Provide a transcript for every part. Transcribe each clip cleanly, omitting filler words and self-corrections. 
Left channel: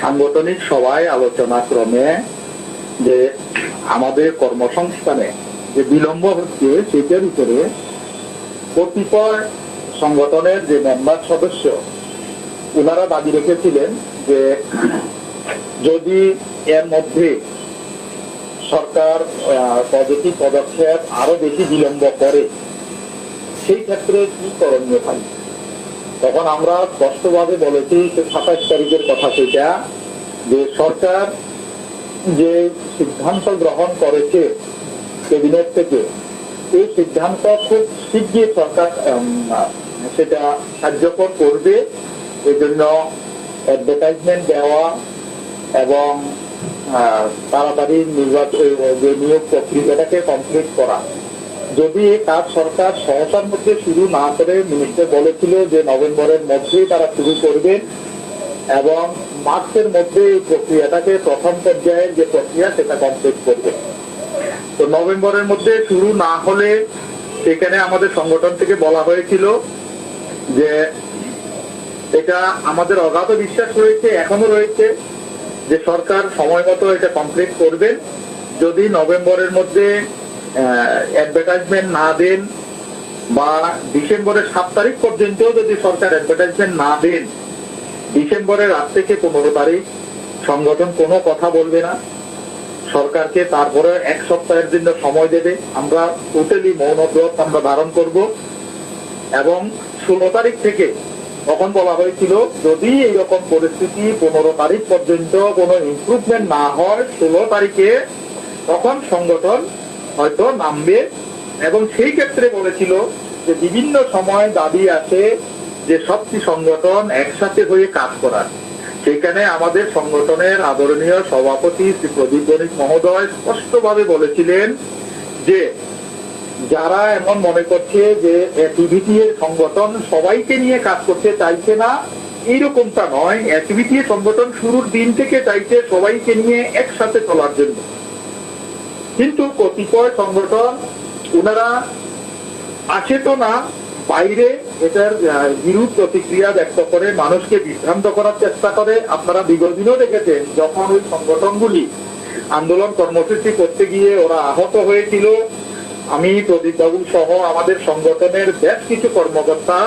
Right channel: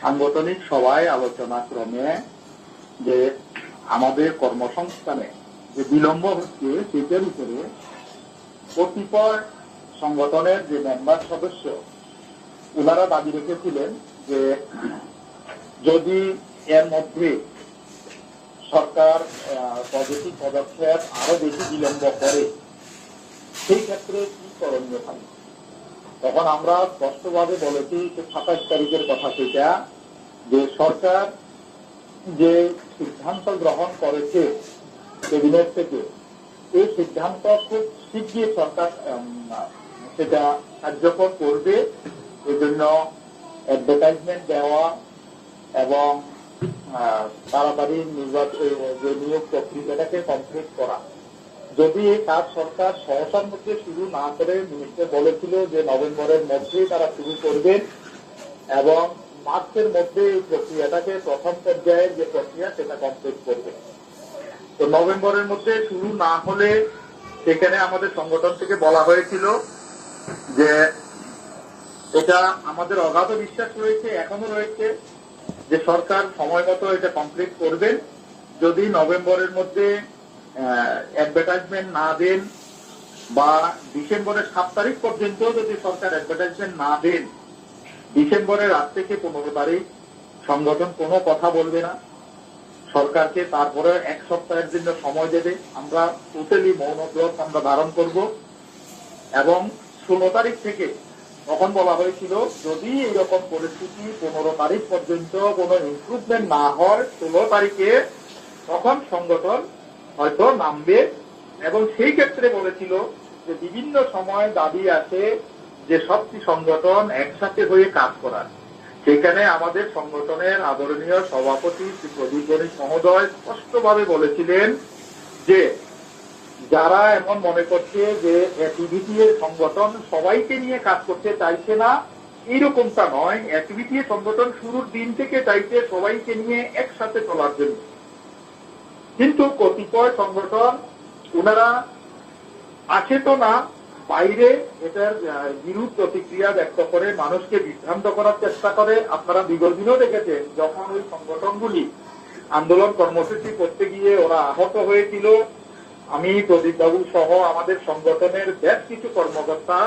সাংগঠনিক সভায় আলোচনা ক্রমে যে আমাদের কর্মসংস্থানে যে বিলম্ব হচ্ছে সেটার উপরে কতিপয় সংগঠনের যে মেম্বার সদস্য ওনারা দাবি রেখেছিলেন যে যদি এর মধ্যে সরকার পজিটিভ পদক্ষেপ আরো বেশি বিলম্ব করে সেই ক্ষেত্রে কি করণীয় থাকবে। তখন আমরা স্পষ্টভাবে বলেছি 27 তারিখের কথা, সেটা যে সরকার যে সিদ্ধান্ত গ্রহণ করেছে ক্যাবিনেট থেকে, এই সিদ্ধান্ত খুব শীঘ্রই সরকার সেটা কার্যকর করবে। এই জন্য অ্যাডভার্টাইজমেন্ট দেওয়া এবং তাড়াতাড়ি নিয়োগ প্রক্রিয়াটাকে কমপ্লিট করা। যদি এই কাজ সরকার সহসার মধ্যে শুরু না করে, মিনিস্টার বলেছিল যে নভেম্বরের মধ্যেই তারা শুরু করবেন এবং মার্চের মধ্যে এই প্রক্রিয়াটাকে প্রথম পর্যায়ের যে প্রক্রিয়া সেটা কমপ্লিট করবে। তো নভেম্বরের মধ্যে শুরু না হলে সেখানে আমাদের সংগঠন থেকে বলা হয়েছিল যে এটা আমাদের অগাধ বিশ্বাস রয়েছে, এখনো রয়েছে যে সরকার সময় মতো এটা কমপ্লিট করবেন। যদি নভেম্বরের মধ্যে অ্যাডভার্টাইজমেন্ট না দেন বা ডিসেম্বরের 7 তারিখ পর্যন্ত যদি সরকার অ্যাডভার্টাইজমেন্ট না দেন, ডিসেম্বরের 8 থেকে 15 তারিখ সংগঠন কোনো কথা বলবে না, সরকারকে তারপরে 1 সপ্তাহের জন্য সময় দেবে। আমরা টোটালি মৌন ব্রত আমরা ধারণ করব এবং 16 তারিখ থেকে, তখন বলা হয়েছিল যদি এইরকম পরিস্থিতি 15 তারিখ পর্যন্ত কোনো ইমপ্রুভমেন্ট না হয়, 16 তারিখে তখন সংগঠন হয়তো নামবে। এবং সেই ক্ষেত্রে বলেছিল যে বিভিন্ন সময় দাবি আছে যে সবটি সংগঠন একসাথে হয়ে কাজ করার। সেখানে আমাদের সংগঠনের আদরণীয় সভাপতি শ্রী প্রদীপ বণিক মহোদয় স্পষ্টভাবে বলেছিলেন যে যারা এমন মনে করছে যে অ্যাক্টিভিটি সংগঠন সবাইকে নিয়ে কাজ করতে চাইছে না, এইরকমটা নয়। অ্যাক্টিভিটি সংগঠন শুরুর দিন থেকে চাইছে সবাইকে নিয়ে একসাথে চলার জন্য, কিন্তু কতিপয় সংগঠন ওনারা আসে তো না, বাইরে এটার বিরূপ প্রতিক্রিয়া ব্যক্ত করে মানুষকে বিভ্রান্ত করার চেষ্টা করে। আপনারা বিগত দিনেও দেখেছেন যখন ওই সংগঠনগুলি আন্দোলন কর্মসূচি করতে গিয়ে ওরা আহত হয়েছিল, আমি প্রদীপ বাবু সহ আমাদের সংগঠনের বেশ কিছু কর্মকর্তা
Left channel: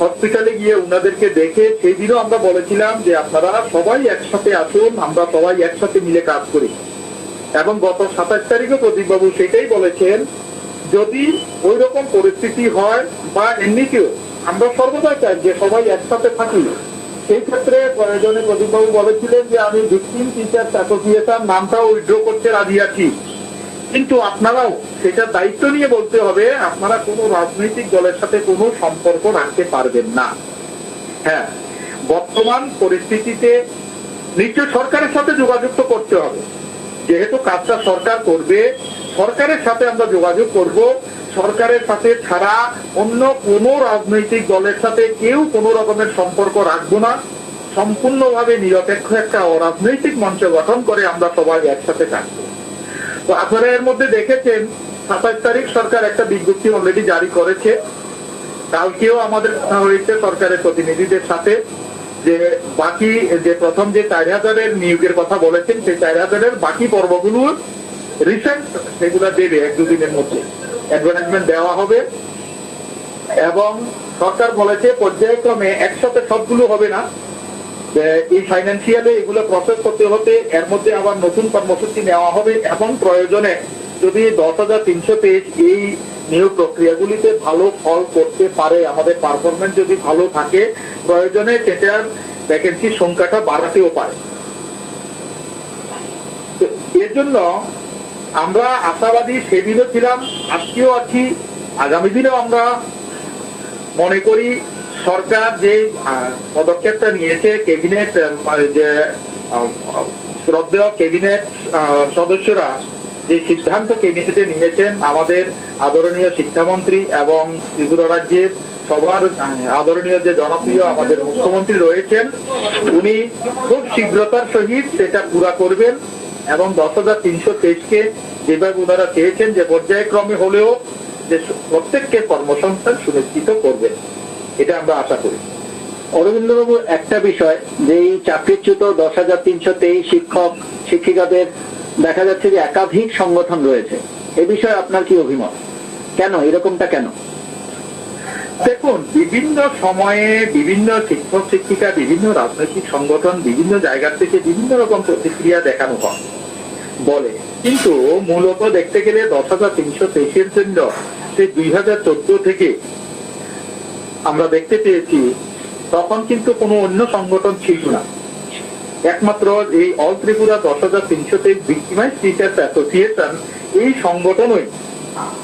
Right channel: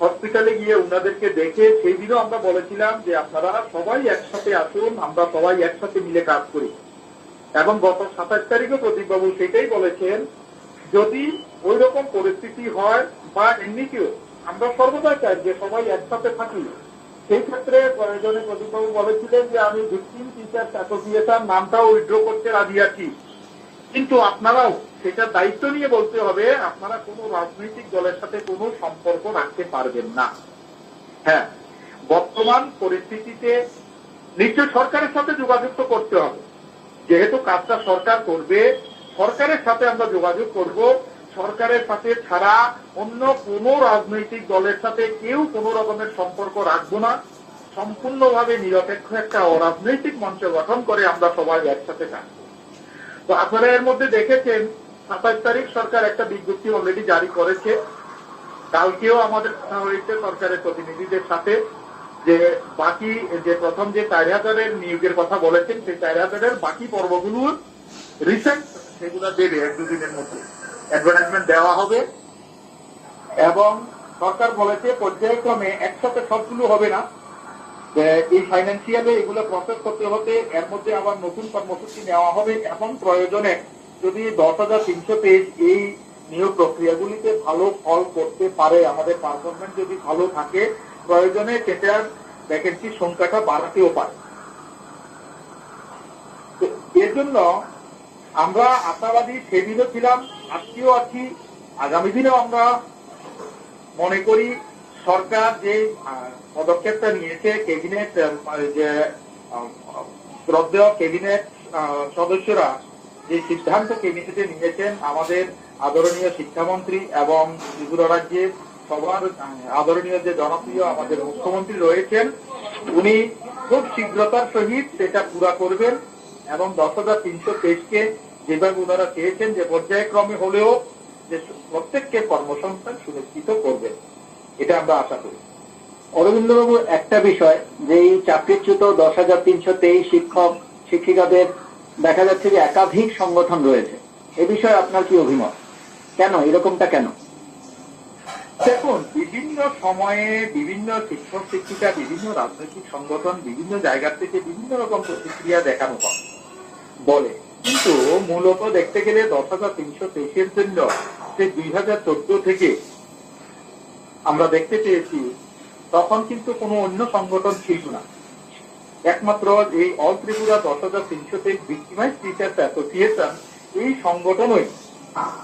হসপিটালে গিয়ে উনাদেরকে দেখে সেই দিনও আমরা বলেছিলাম যে আপনারা সবাই একসাথে আসুন, আমরা সবাই একসাথে মিলে কাজ করি। এবং গত 27 তারিখে প্রদীপ বাবু সেটাই বলেছেন, যদি ওই রকম পরিস্থিতি হয় বা এমনিতেও আমরা সর্বদাই চাই যে সবাই একসাথে থাকি, সেই ক্ষেত্রে প্রয়োজনে প্রদীপবাবু বলেছিলেন যে আমি ভিকটিম টিচার্স অ্যাসোসিয়েশন নামটাও উইথড্র করতে রাজি আছি, কিন্তু আপনারাও সেটার দায়িত্ব নিয়ে বলতে হবে আপনারা কোনো রাজনৈতিক দলের সাথে কোনো সম্পর্ক রাখতে পারবেন না। হ্যাঁ, বর্তমান পরিস্থিতিতে নিশ্চয় সরকারের সাথে যোগাযোগ তো করতে হবে, যেহেতু কাজটা সরকার করবে, সরকারের সাথে আমরা যোগাযোগ করব। সরকারের সাথে ছাড়া অন্য কোন রাজনৈতিক দলের সাথে কেউ কোন রকমের সম্পর্ক রাখবো না। সম্পূর্ণভাবে নিরপেক্ষ একটা অরাজনৈতিক মঞ্চ গঠন করে আমরা সবাই একসাথে থাকবো। তো আপনারা এর মধ্যে দেখেছেন 27 তারিখ সরকার একটা বিজ্ঞপ্তি অলরেডি জারি করেছে। কালকেও আমাদের কথা হয়েছে সরকারের প্রতিনিধিদের সাথে যে বাকি যে প্রথম যে 4000-এর নিয়োগের কথা বলেছেন, সেই 4000-এর বাকি পর্বগুলো রিসেন্ট সেগুলো দেবে 1-2 দিনের মধ্যে অ্যাডভার্টাইজমেন্ট দেওয়া হবে। এবং সরকার বলেছে পর্যায়ক্রমে একসাথে সবগুলো হবে না, এই ফাইন্যান্সিয়ালে এগুলো প্রসেস করতে হতে এর মধ্যে আবার নতুন কর্মসূচি নেওয়া হবে এবং প্রয়োজনে যদি 10,300 পেজ এই নিয়োগ প্রক্রিয়াগুলিতে ভালো ফল করতে পারে, আমাদের পারফরমেন্স যদি ভালো থাকে, প্রয়োজনে সেটার ভ্যাকেন্সির সংখ্যাটা বাড়াতেও পারে। এর জন্য আমরা আশাবাদী, সেদিনও ছিলাম, আজকেও আছি, আগামী দিনেও আমরা মনে করি সরকার যে পদক্ষেপটা নিয়েছে, ক্যাবিনেট যে শ্রদ্ধেয় ক্যাবিনেট সদস্যরা যে সিদ্ধান্ত ক্যাবিনেটে নিয়েছেন, আমাদের আদরণীয় শিক্ষামন্ত্রী এবং ত্রিপুরা রাজ্যের সবার আদরণীয় যে জনপ্রিয় আমাদের মুখ্যমন্ত্রী রয়েছেন, উনি খুব শীঘ্রতার সহিত সেটা পুরা করবেন এবং 10,300 পেজকে যেভাবে ওনারা চেয়েছেন যে পর্যায়ক্রমে হলেও যে প্রত্যেককে কর্মসংস্থান সুনিশ্চিত করবেন, এটা আমরা আশা করি। অরবিন্দবাবু, একটা বিষয় যে এই চাকরিচ্যুত 10,323 শিক্ষক শিক্ষিকাদের দেখা যাচ্ছে যে একাধিক সংগঠন রয়েছে, এ বিষয়ে আপনার কি অভিমত? কেন এরকমটা কেন? দেখুন, বিভিন্ন সময়ে বিভিন্ন শিক্ষক শিক্ষিকা, বিভিন্ন রাজনৈতিক সংগঠন, বিভিন্ন জায়গা থেকে বিভিন্ন রকম প্রতিক্রিয়া দেখানো হয় বলে, কিন্তু মূলত দেখতে গেলে 10,323-এর জন্য সে 2014 থেকে আমরা দেখতে পেয়েছি তখন কিন্তু কোনো অন্য সংগঠন ছিল না। একমাত্র এই all Tripura 10,323 victimise teachers association, এই সংগঠনই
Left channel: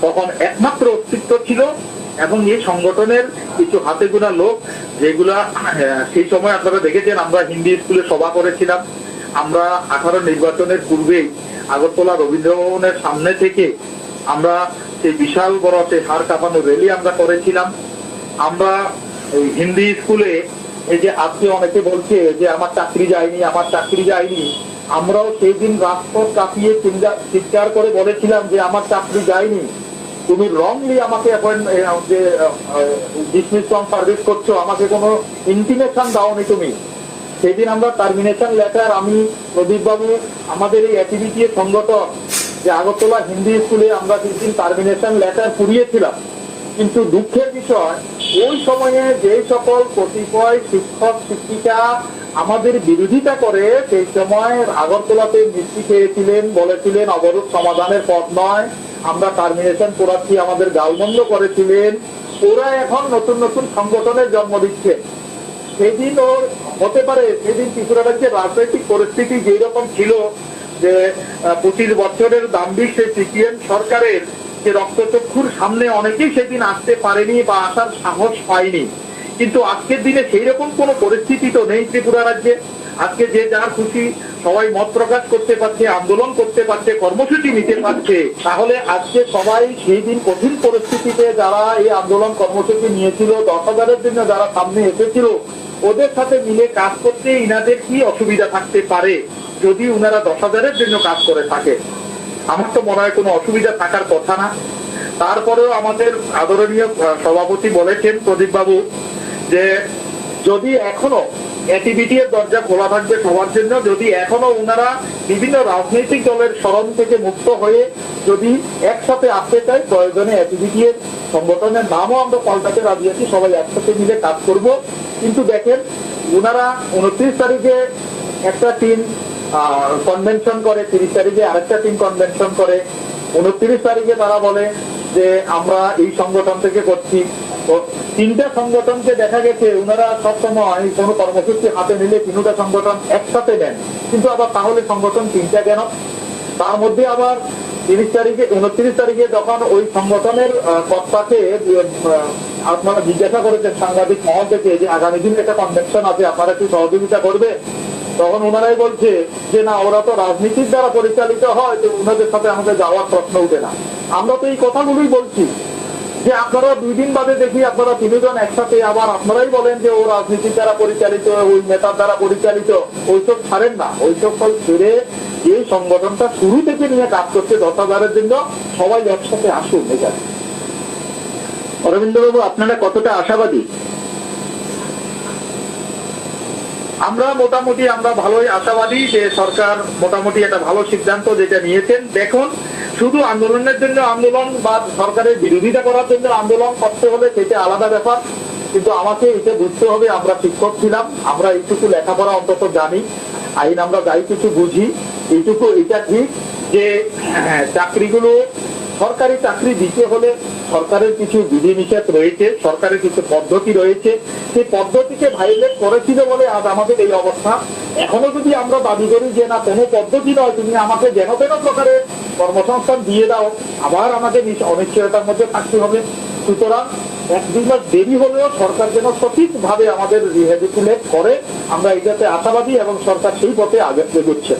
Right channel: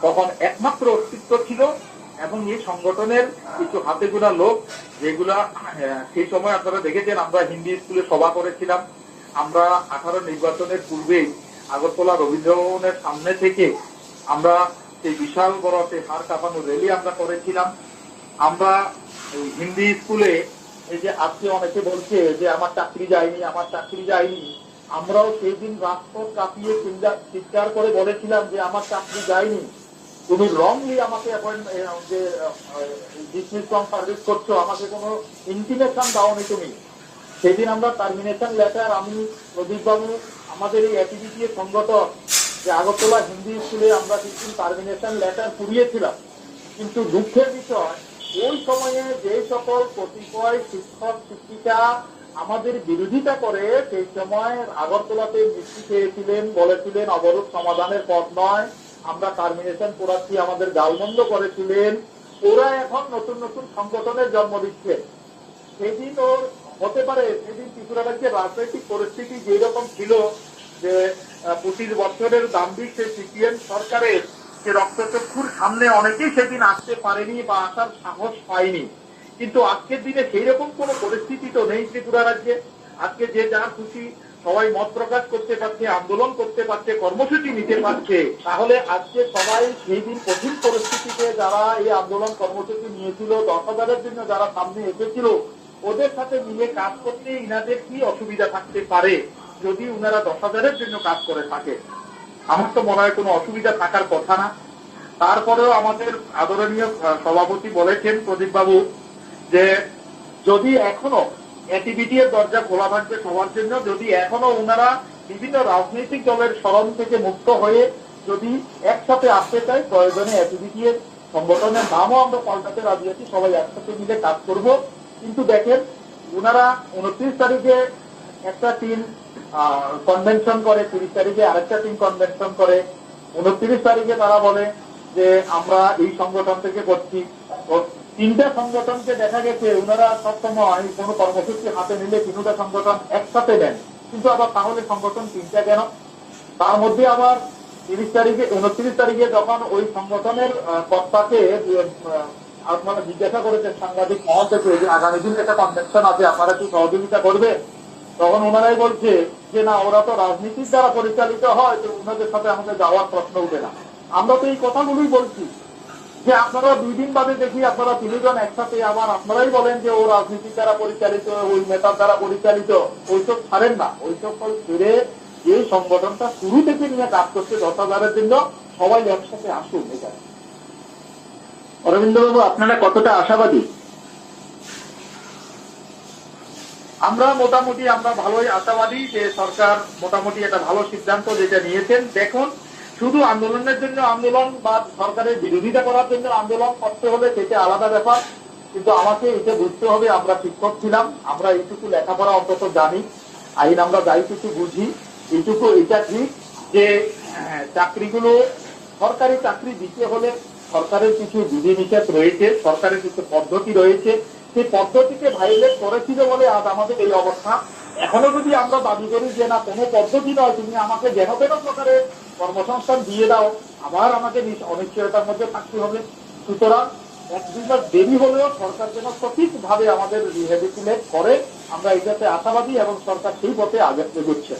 তখন একমাত্র অস্তিত্ব ছিল। এবং এই সংগঠনের কিছু হাতে গোনা লোক, যেগুলা সেই সময় আপনারা দেখেছেন, আমরা হিন্দি স্কুলে সভা করেছিলাম। আমরা 18 নির্বাচনের পূর্বেই আগরতলা রবীন্দ্র ভবনের সামনে থেকে আমরা সেই বিশাল বড় সেই হাড় কাঁপানো র্যালি আমরা করেছিলাম। আমরা এই হিন্দি স্কুলে, এই যে আজকে অনেকে বলছে যে আমার চাকরি যায়নি, আমার চাকরি যায়নি, আমরাও সেই দিন রাজপথ কাঁপিয়ে চিৎকার করে বলেছিলাম যে আমার চাকরি যায়নি, তুমি রংলি আমাকে ডিসমিস ফ্রম সার্ভিস করছো, আমাকে কোনো ইন্টিমেশন দাওনি তুমি। সেদিন আমরা টার্মিনেশন লেটার, আমি, প্রদীপ বাবু, আমাদের এই অ্যাক্টিভিটি সংগঠন যে আগরতলা হিন্দি স্কুলে আমরা সেদিন টার্মিনেশন লেটার পুড়িয়েছিলাম। কিন্তু দুঃখের বিষয়, ওই সময়ে যে সকল কতিপয় শিক্ষক শিক্ষিকা আমাদের বিরোধিতা করে সেই সময় আগরতলাতে মিষ্টি খেয়েছিলেন, বলেছিলেন অবরোধ সমাধানের পথ নয়, আমরা টার্মিনেশন করাচ্ছি, আমাদের গালমন্দ করেছিলেন, ওরা এখন নতুন নতুন সংগঠনের জন্ম দিচ্ছে। সেদিন ওর হতে পারে, সেদিন ত্রিপুরা রাজ্যের রাজনৈতিক পরিস্থিতি যেই রকম ছিল যে 25 বছরের দাম্ভিক সেই সিপিএম সরকারের যে রক্তচক্ষুর সামনে অনেকেই সেদিন আসতে পারেনি বা আসার সাহস পায়নি। কিন্তু আজকের দিনে সেই রকম কোনো পরিস্থিতি তো নেই ত্রিপুরা রাজ্যে। আজকে যে যার খুশি সবাই মত প্রকাশ করতে পারছে, আন্দোলন করতে পারছে, কর্মসূচি নিতে পারছে। তাহলে আজকে সবাই সেই দিন কঠিন পরিস্থিতিতে যারা এই আন্দোলন কর্মসূচি নিয়েছিল, 10,000-এর জন্য যারা সামনে এসেছিল, ওদের সাথে মিলে কাজ করতে ইনাদের কি অসুবিধা থাকতে পারে যদি উনারা 10,000-এর জন্য কাজ করে থাকে? আমার তো মনে হয় কোনো অসুবিধা থাকার কথা না। তারপরেও আমাদের আদরণীয় সভাপতি বলেছেন প্রদীপ বাবু যে যদি এখনো অ্যাক্টিভিটি এর দরজা খোলা থাকবে সবার জন্য, যদি এখনো ওনারা বিভিন্ন রাজনৈতিক দলের শরণ থেকে মুক্ত হয়ে যদি একসাথে আসতে চায়, প্রয়োজনে অ্যাক্টিভিটি এর সংগঠনের নামও আমরা পাল্টাতে রাজি আছি, সবাই একসাথে মিলে কাজ করব। কিন্তু দেখেন, ওনারা 29 তারিখে একটা টিম কনভেনশন করে, 30 তারিখে আরেকটা টিম কনভেনশন করে, 29 তারিখে তারা বলে যে আমরা এই সংগঠন থেকে করছি। তো 3টা সংগঠনকে দেখা গেছে ওনারা সবসময় কোনো কর্মসূচি হাতে নিলে 3টা সংগঠন একসাথে নেন, কিন্তু আবার তাহলে সংগঠন 3টা কেন? তার মধ্যে আবার 29 তারিখে যখন ওই সংগঠনের কর্তাকে আপনারা জিজ্ঞাসা করেছেন সাংবাদিক মহল থেকে যে আগামী দিন একটা কনভেনশন আছে, আপনারা কি সহযোগিতা করবে? তখন ওনারাই বলছে যে না, ওরা তো রাজনীতির দ্বারা পরিচালিত হয়, তো ওনাদের সাথে আমাদের যাওয়ার প্রশ্ন উঠে না। আমরা তো এই কথাগুলোই বলছি যে আপনারা 2 দিন বাদে দেখি আপনারা 3 জন একসাথে, আবার আপনারাই বলেন যে ও রাজনীতির দ্বারা পরিচালিত, ওই নেতার দ্বারা পরিচালিত। ওইসব ছাড়েন না, ওইসব ফল ছেড়ে এই সংগঠনটা শুরু থেকে নিয়ে কাজ করছে 10,000-এর জন্য, সবাই একসাথে আসুন। এটা অরবিন্দবাবু, আপনারা কতটা আশাবাদী? আমরা মোটামুটি আমরা ভালোই আশাবাদী যে সরকার মোটামুটি একটা ভালো সিদ্ধান্ত যেটা নিয়েছেন। দেখুন, শুধু আন্দোলনের জন্য আন্দোলন বা সরকারের বিরোধিতা করার জন্য আন্দোলন করতে হলে সেটা আলাদা ব্যাপার, কিন্তু আমাকে এটা বুঝতে হবে আমরা শিক্ষক ছিলাম, আমরা এইটুকু লেখাপড়া অন্তত জানি, আইন আমরা যাই কিছু বুঝি। এইটুকু এটা ঠিক যে চাকরিগুলো, সরকারি চাকরি দিতে হলে সরকারের কিছু বিধিনিষেধ রয়েছে, সরকারের কিছু পদ্ধতি রয়েছে, সেই পদ্ধতিকে ভাইলেট করেছিল বলে আজ আমাদের এই অবস্থা। এখনো যদি আমরা দাবি করি যে না, কোনো পদ্ধতি নয়, তুমি আমাকে যেন তেন প্রকারে কর্মসংস্থান দিয়ে দাও, আবার আমাকে অনিশ্চয়তার মধ্যে থাকতে হবে। সুতরাং 1-2 মাস দেরি হলেও সরকার যেন সঠিকভাবে আমাদের রিহেবিলিটেট করে, আমরা এটাতে আশাবাদী এবং সরকার সেই পথে আগে এগোচ্ছে।